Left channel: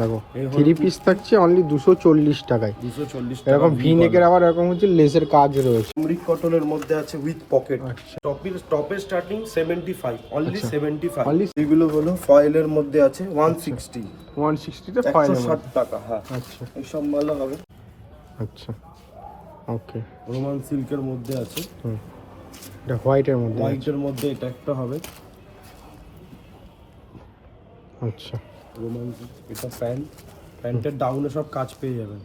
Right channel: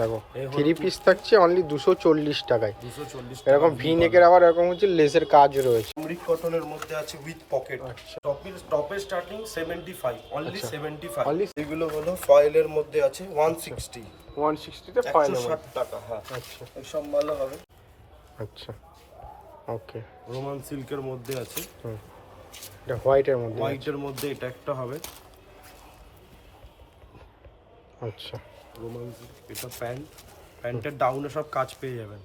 দেখো three piece থাকছে only 240 টাকায়। 240 টাকা। এরকম ভি নেকের আবার এরকম হচ্ছে লেসের কাজ রয়েছে। আমরিক কটনের মধ্যে আছে উইথ পকেট। টপের স্টার্টিং 75, অনলি 75। এগুলো হলো ফয়েলের মধ্যে আছে 160 তে 160 টাকা। হ্যাঁ, আচ্ছা এই সব ভালো হবে। আচ্ছা ওকে। রোমান সিল্কের মধ্যে আছে, এটা হোয়াইটের মধ্যে হোয়াইটের মধ্যে এটা একটা হবে। আচ্ছা রোমান সিল্ক, এটা প্যান্টের ডাউনে সব কাজ পেয়ে যাবেন।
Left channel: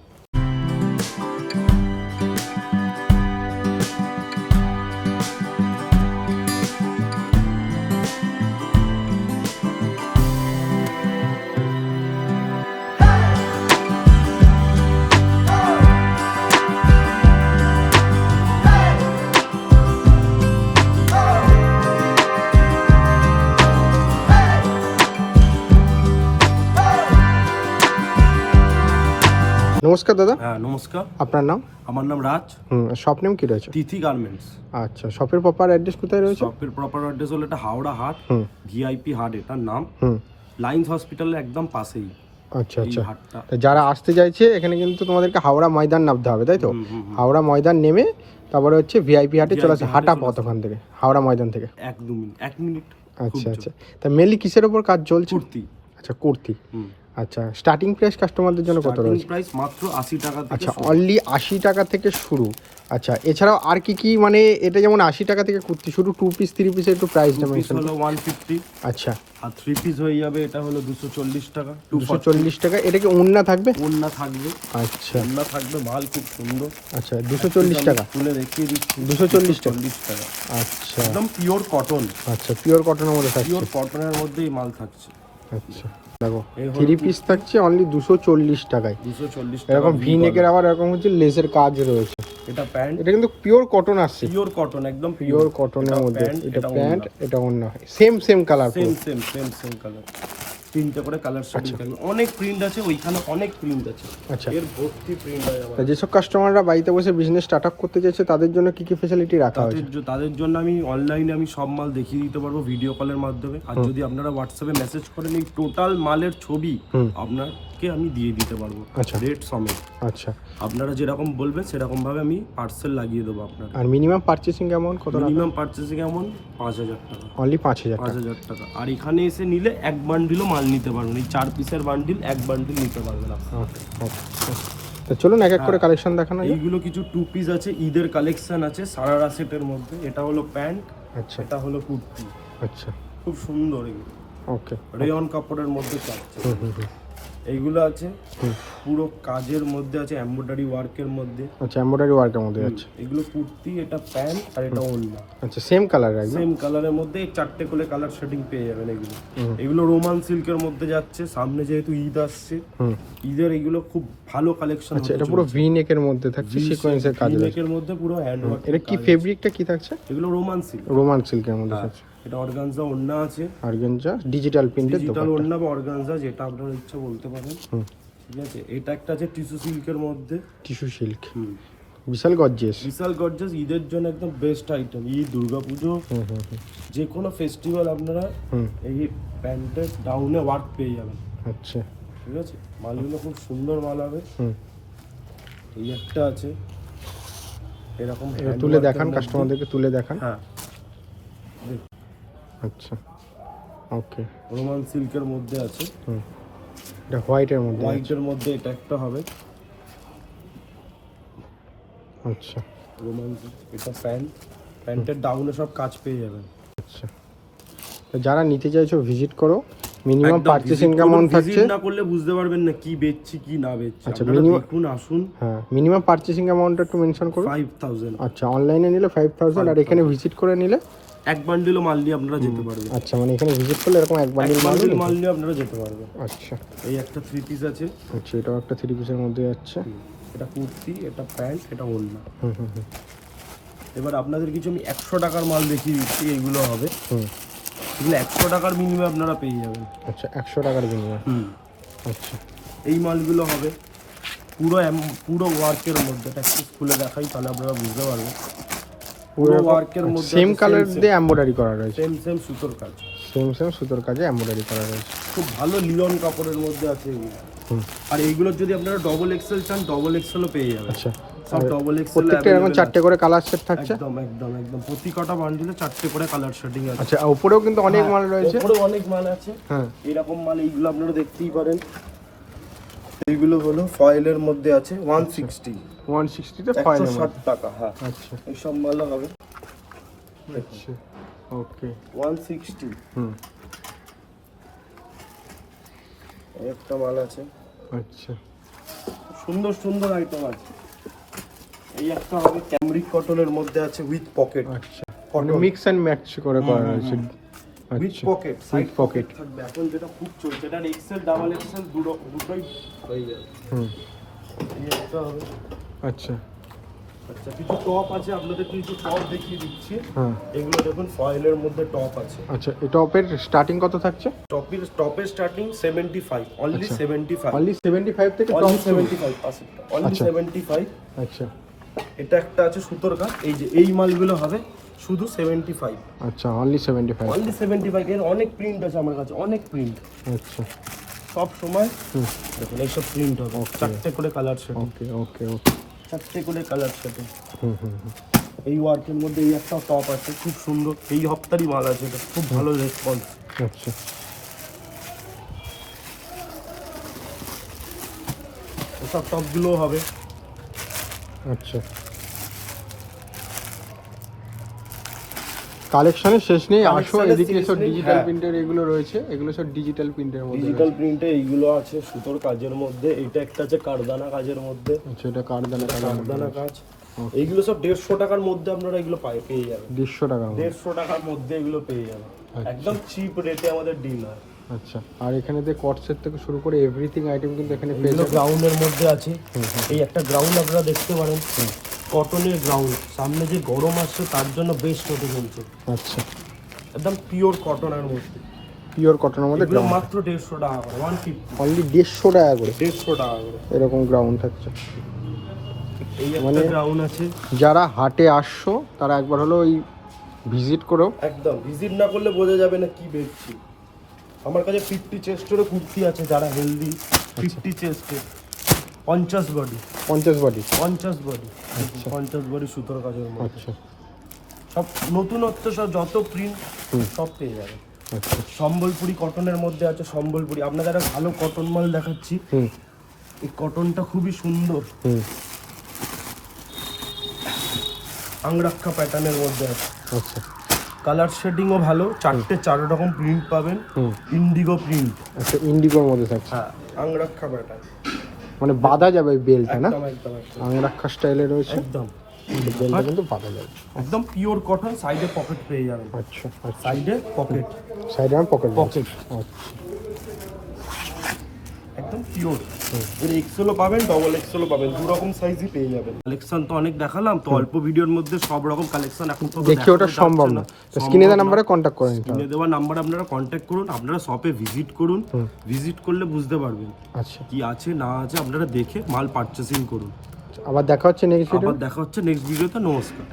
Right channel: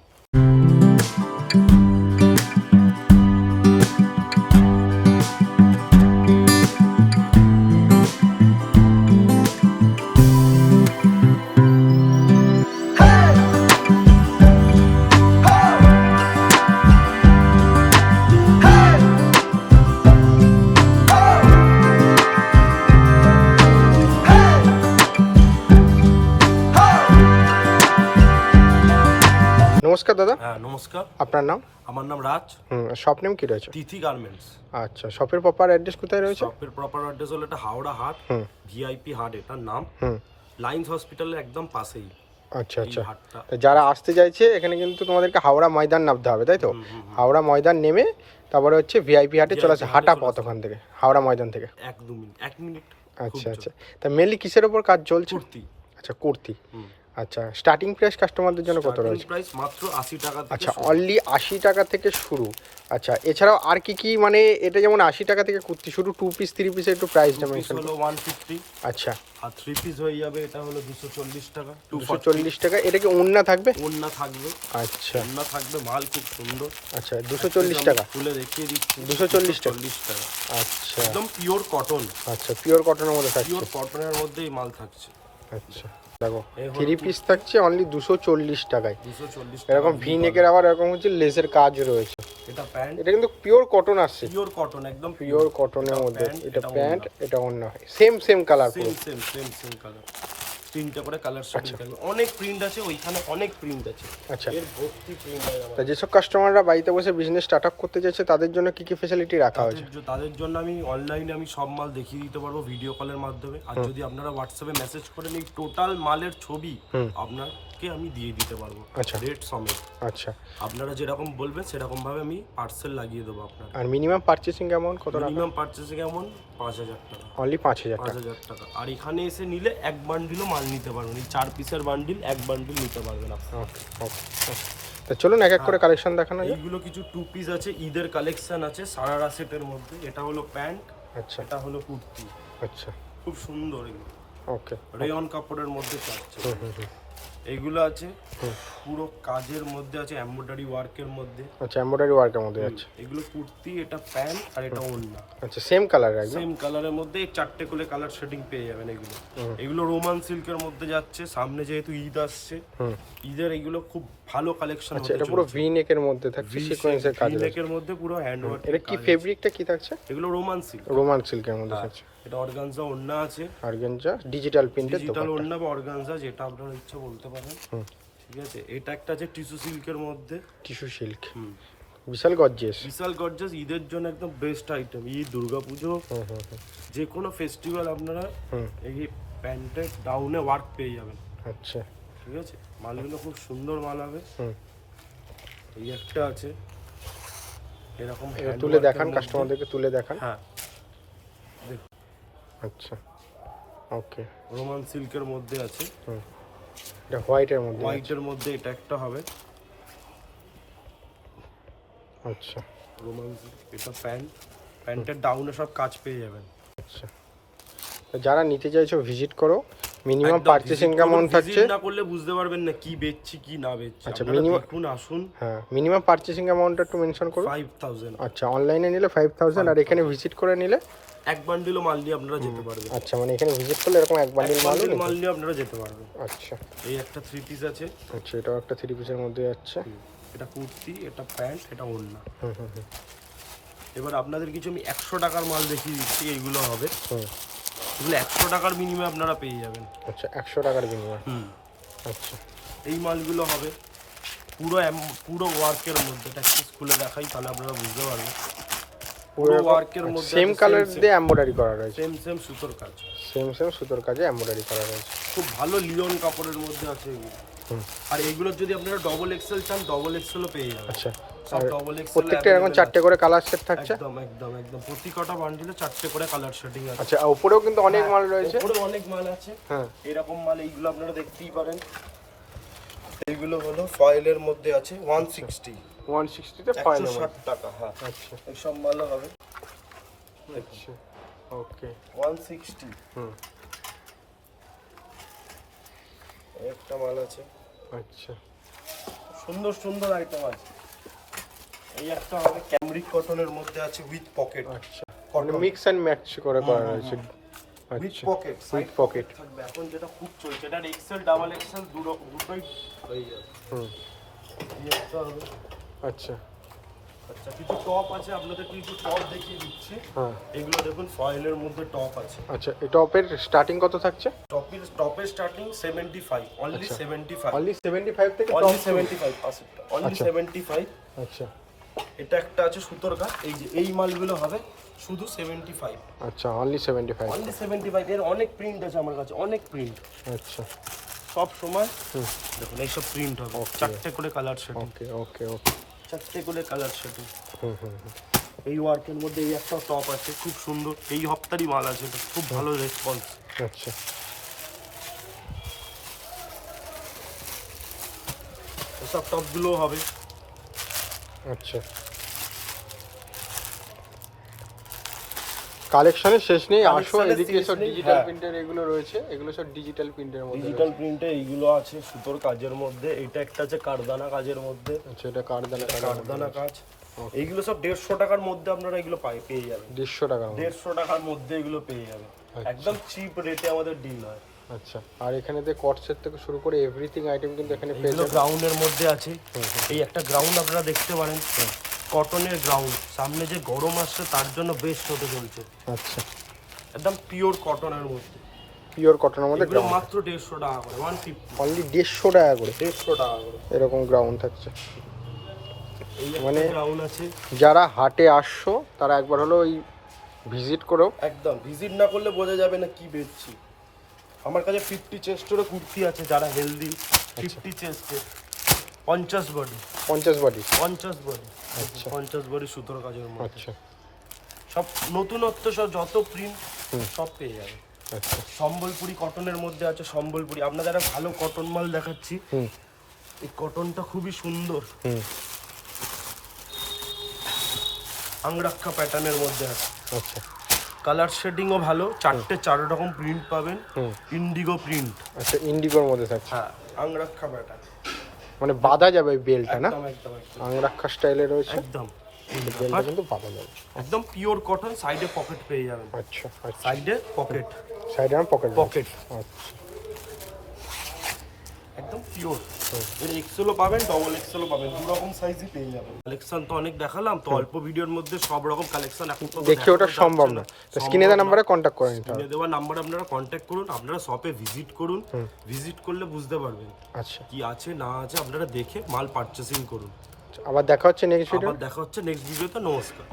নমস্কার দাদা। হ্যাঁ নমস্কার, আপনার নাম? আমার নাম রাজ। শপ নেম কি রয়েছে? তিথি গার্মেন্টস। আচ্ছা, শপের প্রপার অ্যাড্রেস কোথায় রয়েছে? শপের প্রপার অ্যাড্রেস হলো এটা হাওড়া হাট, ভিআইপি হাট এটার নাম। লাইন্স হসপিটালের একদম পাশেই আচ্ছা এই আচ্ছা। হাটটা। তো যারা আসতে চাইছে এখানে কিন্তু তোমাদেরকে হাওড়া ময়দান নামতে হবে, তাই তো? হাওড়া ময়দান নেমে তারপরে হচ্ছে ভিআইপি হাটে চলে আসে। হাঁটা পথ ওখান থেকে, হাওড়া ময়দান থেকে। 1 মিনিট। আচ্ছা আচ্ছা। তা মেনলি কিসের উপর কাজ চলছে? কুর্তি। আচ্ছা কুর্তি। আচ্ছা, স্টার্টিং প্রাইস কাস্টমারদের জন্য কত স্টার্টিং রয়েছে? প্রাইস মাত্র 80 টাকা থেকে আচ্ছা, শুরু। অনলি 80 টাকা থেকে শুরু। আচ্ছা, এছাড়াও আর কি কি, মানে এটা যেমন 80 টাকা থেকে কুর্তি শুরু, 2 পিস 3 পিসের একটু প্রাইস টু পিস হলো 150। আচ্ছা, আর 3 পিস হয়ে যাবে এটা হলো 240 টাকা। 240 টাকা। এটা কি ওন্না থাকবে? ওন্না থাকবে। আচ্ছা ওন্না থাকবে, মাল খুব সুন্দর। আচ্ছা, 240 টাকা। খুলে দেখিয়ে দিচ্ছি। 240 টাকা। আচ্ছা একদম পিওর কটন। আচ্ছা, পিওর কটনের মধ্যে থাকছে। পিওর কটনের মধ্যেই মাল থাকছে। আচ্ছা দেখো, এই হলো 3 পিস থাকছে অনলি 240 টাকায়। 240 টাকা। এরকম ভি নেকের আবার এরকম হচ্ছে লেসের কাজ রয়েছে। এটা প্যান্ট, এটা কিন্তু পিওর কটন আসছে। পিওর কটন, একদম পিওর পিওর কটনের মধ্যে। প্যান্ট, এটা প্যান্ট, এটা ওন্না। Same colour. Same colour. তিনটে করে কালার শেডিং থাকবে। অনেক প্রিন্ট আছে, ওইখানে অনেক প্রিন্ট আছে। আচ্ছা, এর ভর্তি প্রিন্ট আছে। যেসব কাস্টমাররা বাড়িতে বসে বিজনেস স্টার্ট আপ করতে চাইছে তাদের জন্য কি কি ফ্যাসিলিটি রাখা হয়েছে? তাদের জন্য আমি অনলাইনে আমি সব মাল দেখিয়ে দিতে পারবো ভিডিও কলের মাধ্যমে। আর যদি আপনারা হোয়াটসঅ্যাপে মেসেজ করেন এই টোটাল মালের ছবি আপনাকে আমি দিয়ে দিতে পারবো, রেট সমেত। আচ্ছা, আপনারা যেরকম বলবেন সেরকম ভাবে আমি পার্সেল লাগিয়ে দেবো আপনার। আর মিনিমাম পারচেসিং অ্যামাউন্ট কত? মিনিমাম পারচেসিং অ্যামাউন্ট 5000 টাকা। অনলি 5000 টাকা। আর এখানে এসে নিলে এক বান্ডিলও মাল নিতে পারবেন। এই 4 পিসের বান্ডিল, এক বান্ডিল নিতে পারবেন আপনি। তো চলুন এক এক করে কালেকশন দেখানো। এইগুলো কিছু 2 পিস আছে, ঈদের কালেকশন আছে সারারা সেটের মধ্যে। এটা হলো প্যান্ট, আচ্ছা এটা হলো কুর্তি। আচ্ছা খুব সুন্দর এগুলো, ওকে। রেয়ন কাপড়ের মধ্যে চাচ্ছে। এইগুলো আছে পুরো কাজের মধ্যে আছে, এমব্রয়ডারি ওয়ার্কের মধ্যে। আচ্ছা, এমব্রয়ডারি ওয়ার্কের মধ্যে আছে। এগুলো কুর্তি, এটা প্যান্ট, আর এটা ওড়না। আচ্ছা, সেম কালার। সেম কালারের মধ্যে 4টে করে কালার শেডিং পেয়ে যাবেন। এগুলো রোমান সিল্কের মধ্যে যাচ্ছে। সামনে যেহেতু ঈদ আসছে, ঈদের এগুলো খুব ভালো কালেকশন হচ্ছে। এটা পুরো ভি নেকের মধ্যে থাকছে, সিকোয়েন্সের কাজ। ভি নেকের মধ্যে পুরো হ্যান্ড ওয়ার্ক। এটা কি ফেব্রিকটা কি থাকছে? এগুলো রোমান সিল্ক। রোমান সিল্কের মধ্যে আছে। এটা অর্গানজা ওড়না আছে। অর্গানজা ডিজিটাল প্রিন্ট, ডিজিটাল ওড়না বা অর্গানজা যেটা আপনার ইচ্ছা বলতে পারেন। ঠিক আছে, এটা একটা আছে টিস্যু সিল্কের মধ্যে। টিস্যু সিল্ক, বিশাল গর্জিয়াস। বিশাল গর্জিয়াস। ঈদের জন্য একদম বেস্ট আইটেম। ঈদ, দুর্গাপুজো, যে কোনো ফেস্টিভ্যাল আপনারা এই প্যান্টের ডাউনে ওয়ার্ক পেয়ে যাবেন। আচ্ছা ঠিক আছে, মালগুলো খুব সুন্দর মাল হবে। এই একটা আছে এরকম হ্যান্ড তুলে ওয়ার্কের দেখান, মধ্যে। কাস্টমারদেরকে তুলে দেখান। হ্যাঁ দেখুন, আচ্ছা ওকে। রোমান সিল্কের মধ্যে আছে। এটা হোয়াইটের মধ্যে। হোয়াইটের মধ্যে এটা একটা হবে। আচ্ছা, রোমান সিল্ক, এটা প্যান্টের ডাউনে সব কাজ পেয়ে যাবেন। আচ্ছা, তো যারা নিতে চাইছো ভিজিট করো। মিনিমাম একদম পারচেসিং visit অ্যামাউন্ট করুন, থাকছে। visit না করলে বুঝতে পারবেন না কি বেচছি কি না বেচছি। আচ্ছা, আপনারা minimum- দেখুন, আসুন। হ্যাঁ, মিনিমাম পারচেসিং অ্যামাউন্টটা একটু মেনশন করুন। 5000। আচ্ছা, অনলাইনে নিলে 5000, আর এখানে ভিজিট করে নিলে এক বান্ডিলও মাল নিয়ে আপনারা যেতে পারবেন। আচ্ছা, মানে এখানে ভিজিট করলে এরকম এক এক বান্ডিল বান্ডিল মাল নিয়ে আপনারা যেতে পারবেন। আচ্ছা এই একটা 3 পিস আছে। আচ্ছা, এটাও একটা 3 পিসের মধ্যে যাচ্ছে। এটা কুর্তি, এটা প্যান্ট, এটা ওড়না। এবার আপনাদের কিছু আমি 100 টাকার মাল দেখিয়ে দিচ্ছি। এইগুলো হবে, এগুলো 100 টাকার মিনিমাম আপনারা পেয়ে যাবেন। আচ্ছা, 100 টাকার বিনিময়ে। আচ্ছা, এই মালগুলো হবে পুরো ওয়ার্কের মধ্যে। এটা একটু খুলে দেখাই তাহলে আপনারা বুঝতে পারবেন। পুরো ওয়ার্কের মধ্যে সেম কালার দিয়ে এমব্রয়ডারি করা রয়েছে। সেম সুতোর কাজ। সেম সুতোর কাজে এমব্রয়ডারি করা রয়েছে। খুব ভালো লিওন কাপড়ের মধ্যে আছে এগুলো। আর এইগুলোর যদি আপনারা ডবল এক্সেল চান ডবল এক্সেলও পেয়ে যাবেন। আচ্ছা, সব ডবল এক্সেল প্রত্যেকটা এরকম 4টে করে কালার সেট থাকছে। একদম একদম একদম প্রতি কটা বান্ডিলে 4টে করে কালার শেডিং আছে। আচ্ছা, উপরেও কিন্তু অনেক মাল রয়েছে। উপরেও অনেক মাল আছে। হ্যাঁ, এরকম মাল এইগুলো আপনারা দেখতেই পারেন। এইগুলো হলো ফয়েলের মধ্যে আছে 160 160 তে ফয়েল 160 টাকা। হ্যাঁ, আচ্ছা এই সব মালও হবে। আচ্ছা, ওকে 160। একটা মাল আছে, আচ্ছা সুন্দর সুন্দর আইটেম আছে। এই একটা হবে ক্যামরিক কটনের মধ্যে আছে উইথ পকেট। আচ্ছা, কটন মিক্স এন্ড ম্যাচ করে করা রয়েছে। With pocket, side pocket pocket থাকবে। এখন যেটা খুব চলছে এটা এক্সেল ডাবল এক্সেল দুটোই হয়ে যাবে। এই একটা হবে। আচ্ছা আচ্ছা, কিছু টপ আছে, আপনাদের কিছু টপ দেখিয়ে দিচ্ছি। হ্যাঁ, এগুলো দেখুন ফয়েলের মধ্যে টপ আছে। আচ্ছা, এই টপের স্টার্টিং কত থাকছে? টপের স্টার্টিং 75, অনলি 75, অনলি 75 থেকে অনলি top 75 পার্সেন্ট, অনলি আচ্ছা। 75। আচ্ছা এটা একটা আছে সুতোর কাজ, এই যে এই মালগুলো হবে শুধু 75, আচ্ছা, অনলি 75। অনলি 75। এর অনেক প্রিন্ট আছে আমার কাছে, অনেক প্রিন্ট। আচ্ছা, সব সময় দেখুন এইসব প্রিন্ট হবে, 4টে করে কালার শেডিং, ওকে ওকে ওকে। 4টে করে কালার শেডিং। হুম হুম এই ওয়ার্কের মধ্যে এই একটা টপ আছে খুব সুন্দর, এই হপ্তারই মাল আছে, এটা খুব ভালো রেসপন্স। আচ্ছা, এসব টপগুলো হবে। আচ্ছা, কালেকশনের শেষ নেই। আসো Collection-এর এদিকে শেষ সব নেই, ডিজিটাল হ্যাঁ। প্রিন্টার এগুলো রয়েছে, এগুলো সব ডিজিটাল প্রিন্টের মধ্যে ডিজিটাল রয়েছে। প্রিন্টে এইগুলো আছে সুতোর কাজের মধ্যে। এটা একটা আছে কারদানা কাজের মধ্যে, আচ্ছা, এটা এটা কার্ড কারদানা কাজ। এইগুলো সব 150 টাকার মধ্যে আপনারা এগুলো পেয়ে যাবেন। 150 টাকা। 150 টাকার মধ্যে এগুলো পেয়ে যাবেন, একদম চিপ রেটে আমাদের ডিল হয়। আচ্ছা, আর এখানে যে কটসেট থেকে শুরু করে এভরিথিং আইটেম কিন্তু এখানে পেয়ে এইগুলো যাবেন। গ্রাউন্ডের মধ্যে আছে। এই একটা গ্রাউন্ড আপনারা দেখতে পারেন, কটনের গ্রাউন্ড। সামনে যে গরম আসছে তার জন্য বেস্ট হতে চলছে, আচ্ছা, একদম পিওর কটনের মধ্যে। পিওর কটনের মধ্যে এগুলো মাত্র 150 টাকা করে, 150, অনলি 150 টাকা করে 150 টাকা করে। এরকম গ্রাউন্ড থাকছে। এই একটা গ্রাউন্ড আছে। যারা হাটে আসছো তারা একবার হলো ওই ভিজিট করো। একদম ভিজিট না করলে বোঝা যাবে না কি বেচছি। আমার কাছে 50 চেস্টেরও কুর্তি আছে, যারা healthy 50 চেস্টে 50 body, 50 body. 50 body, 50 body সুতোর কাজের মধ্যে। আচ্ছা সব নতুনত্ব, সব যত প্রিন্ট সব পেয়ে যাবে। আচ্ছা, সম্বলপুরি কটনের মধ্যে আছে, সম্বলপুরি। আপনাদের একটা ভালো কটন মাল দেখাচ্ছি। হুম এই কটনটা খুবই সুন্দর, হুম, আংরাক্ষা প্যাটার্নের মধ্যে আছে। আচ্ছা কালার শেডিংও ভালো, 4 রকম প্রিন্ট পাবেন। হুম, ইন্ডিগো প্রিন্ট, আচ্ছা, ইন্ডিগোর মধ্যে থাকছে। হ্যাঁ, আংরাক্ষা প্যাটার্ন। মানে বাঁধা যাবে ওই বেলটা না? একদম একদম একদম আংরাক্ষা স্টাইলে রয়েছে। একদম বেলটা কিন্তু বাঁধা যাবে। একদম পিওর কটন, সাইডে পকেট পেয়ে যাবেন, আচ্ছা আচ্ছা, সাইডে পকেট, সাইডে আর পকেট। পকেট একদম পিওর। এর এক্সেলও পাবেন, ডবল এক্সেলও পাবেন, দু রকম সাইজই পেয়ে যাবেন। কালেকশন তো অনেক দেখালাম, তো অল্প ভিডিওর মধ্যে সব রকম কালেকশন এখন তো দেখি ওটা সম্ভব না, স্ক্রিনে দেওয়া নাম্বারে কন্ট্যাক্ট করে নিতে হবে। স্ক্রিনে দেওয়া নাম্বার আপনারা কন্ট্যাক্ট করুন, আপনারা শপে ভিজিট করুন। ভিজিট করলে বুঝতে পারবেন আচ্ছা, কি আছে না আছে, আপনারা দেখে মাল পারচেসিং করুন। আবার দেখা হচ্ছে নেক্সট ভিডিও। আবার দেখা হচ্ছে নেক্সট ভিডিওতে। নমস্কার।